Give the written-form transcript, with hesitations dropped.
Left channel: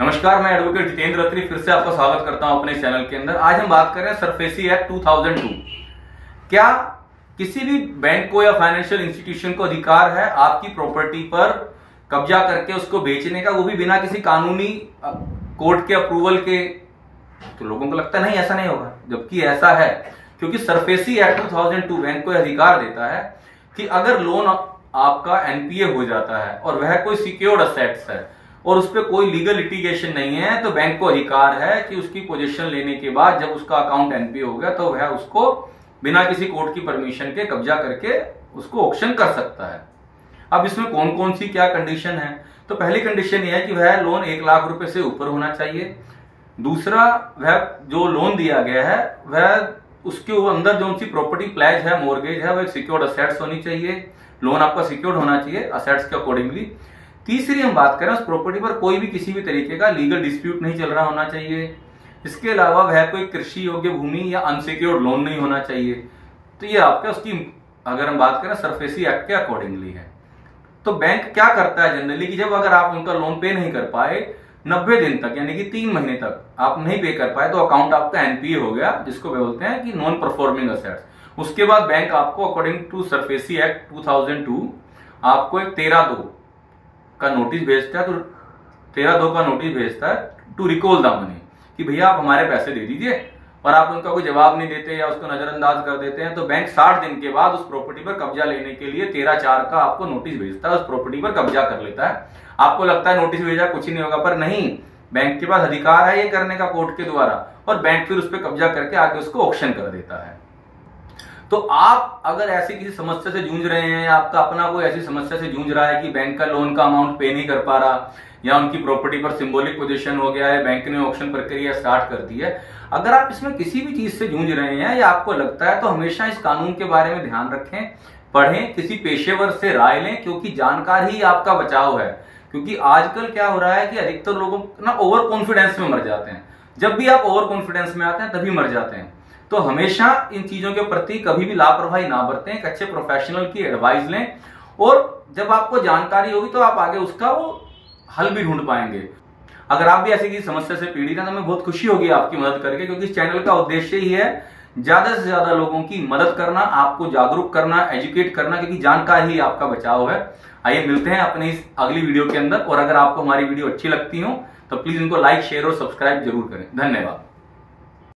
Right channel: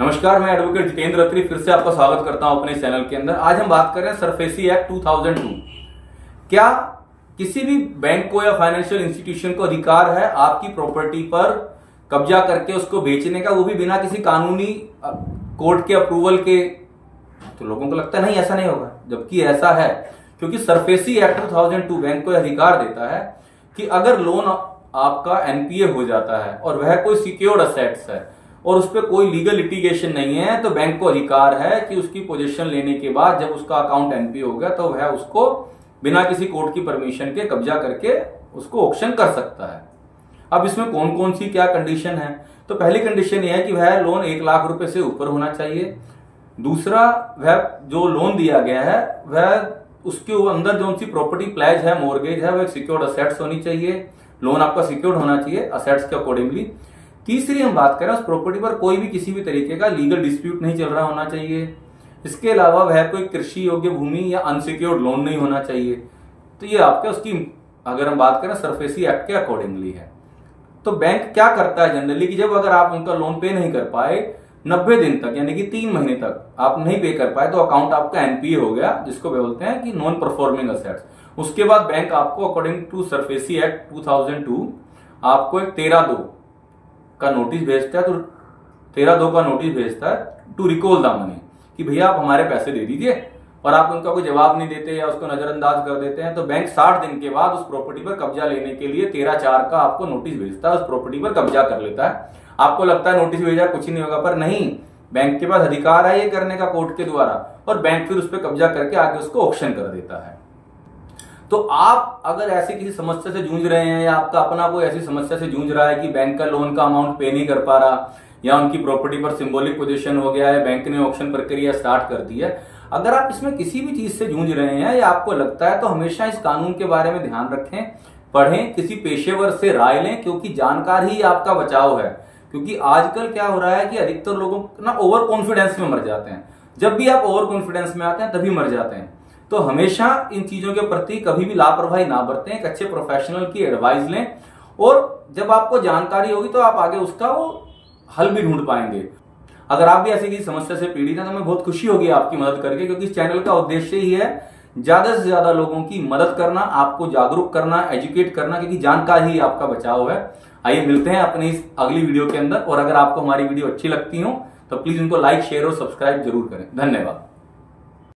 नमस्कार, मैं एडवोकेट जितेंद्र अत्री फिर से आपका स्वागत करता हूं अपने चैनल के अंदर। आज हम बात कर रहे हैं सरफेसी एक्ट 2002। क्या किसी भी बैंक को या फाइनेंशियल इंस्टीट्यूशन को अधिकार है आपकी प्रॉपर्टी पर कब्जा करके उसको बेचने का, वो भी बिना किसी कानूनी कोर्ट के अप्रूवल के? तो लोगों को लगता है नहीं, ऐसा नहीं होगा, जबकि ऐसा है। क्योंकि सरफेसी एक्ट 2002 बैंक को अधिकार देता है कि अगर लोन आपका एनपीए हो जाता है और वह कोई सिक्योर्ड असेट्स है और उस पर कोई लीगल लिटिगेशन नहीं है, तो बैंक को अधिकार है कि उसकी पोजीशन लेने के बाद जब उसका अकाउंट एनपीए हो गया तो वह उसको बिना किसी कोर्ट की परमिशन के कब्जा करके उसको ऑक्शन कर सकता है। अब इसमें कौन कौन सी क्या कंडीशन है? तो पहली कंडीशन यह है कि वह लोन 1 लाख रुपए से ऊपर होना चाहिए। दूसरा, वह जो लोन दिया गया है वह उसके अंदर जो सी प्रॉपर्टी प्लेज है, मॉर्गेज है, वह सिक्योर्ड असेट्स होनी चाहिए। लोन आपका सिक्योर्ड होना चाहिए असेट्स के अकॉर्डिंगली। तीसरी हम बात करें, उस प्रॉपर्टी पर कोई भी किसी भी तरीके का लीगल डिस्प्यूट नहीं चल रहा होना चाहिए। इसके अलावा वह कोई कृषि योग्य भूमि या अनसिक्योर्ड लोन नहीं होना चाहिए। तो ये आपका उसकी अगर हम बात करें सरफेसी एक्ट के अकॉर्डिंगली है। तो बैंक क्या करता है जनरली कि जब अगर आप उनका लोन पे नहीं कर पाए 90 दिन तक, यानी कि 3 महीने तक आप नहीं पे कर पाए, तो अकाउंट आपका एनपीए हो गया, जिसको बोलते हैं कि नॉन परफॉर्मिंग असेट्स। उसके बाद बैंक आपको अकॉर्डिंग टू सरफेसी एक्ट 2002 आपको एक 13(2) का नोटिस भेजता है। तो 13(2) का नोटिस भेजता है टू रिकॉल द मनी, कि भैया आप हमारे पैसे दे दीजिए, और आप उनका कोई जवाब नहीं देते या उसको नजरअंदाज कर देते हैं, तो बैंक 60 दिन के बाद उस प्रॉपर्टी पर कब्जा लेने के लिए 13(4) का आपको नोटिस भेजता है, उस प्रॉपर्टी पर कब्जा कर लेता है। आपको लगता है नोटिस भेजा कुछ ही नहीं होगा, पर नहीं, बैंक के पास अधिकार है ये करने का कोर्ट के द्वारा, और बैंक फिर उस पर कब्जा करके आगे उसको ऑक्शन कर देता है। तो आप अगर ऐसी किसी समस्या से जूझ रहे हैं या आपका अपना कोई ऐसी समस्या से जूझ रहा है कि बैंक का लोन का अमाउंट पे नहीं कर पा रहा, या उनकी प्रॉपर्टी पर सिंबॉलिक पोजीशन हो गया है, बैंक ने ऑक्शन प्रक्रिया स्टार्ट कर दी है, अगर आप इसमें किसी भी चीज से जूझ रहे हैं या आपको लगता है, तो हमेशा इस कानून के बारे में ध्यान रखें, पढ़ें, किसी पेशेवर से राय लें, क्योंकि जानकारी ही आपका बचाव है। क्योंकि आजकल क्या हो रहा है कि अधिकतर लोग ना ओवर कॉन्फिडेंस में मर जाते हैं। जब भी आप ओवर कॉन्फिडेंस में आते हैं तभी मर जाते हैं। तो हमेशा इन चीजों के प्रति कभी भी लापरवाही ना बरतें, एक अच्छे प्रोफेशनल की एडवाइस लें, और जब आपको जानकारी होगी तो आप आगे उसका वो हल भी ढूंढ पाएंगे। अगर आप भी ऐसी किसी समस्या से पीड़ित हैं तो हमें बहुत खुशी होगी आपकी मदद करके, क्योंकि इस चैनल का उद्देश्य ही है ज्यादा से ज्यादा लोगों की मदद करना, आपको जागरूक करना, एजुकेट करना, क्योंकि जानकारी ही आपका बचाव है। आइए मिलते हैं अपनी इस अगली वीडियो के अंदर, और अगर आपको हमारी वीडियो अच्छी लगती हो तो प्लीज इनको लाइक, शेयर और सब्सक्राइब जरूर करें। धन्यवाद।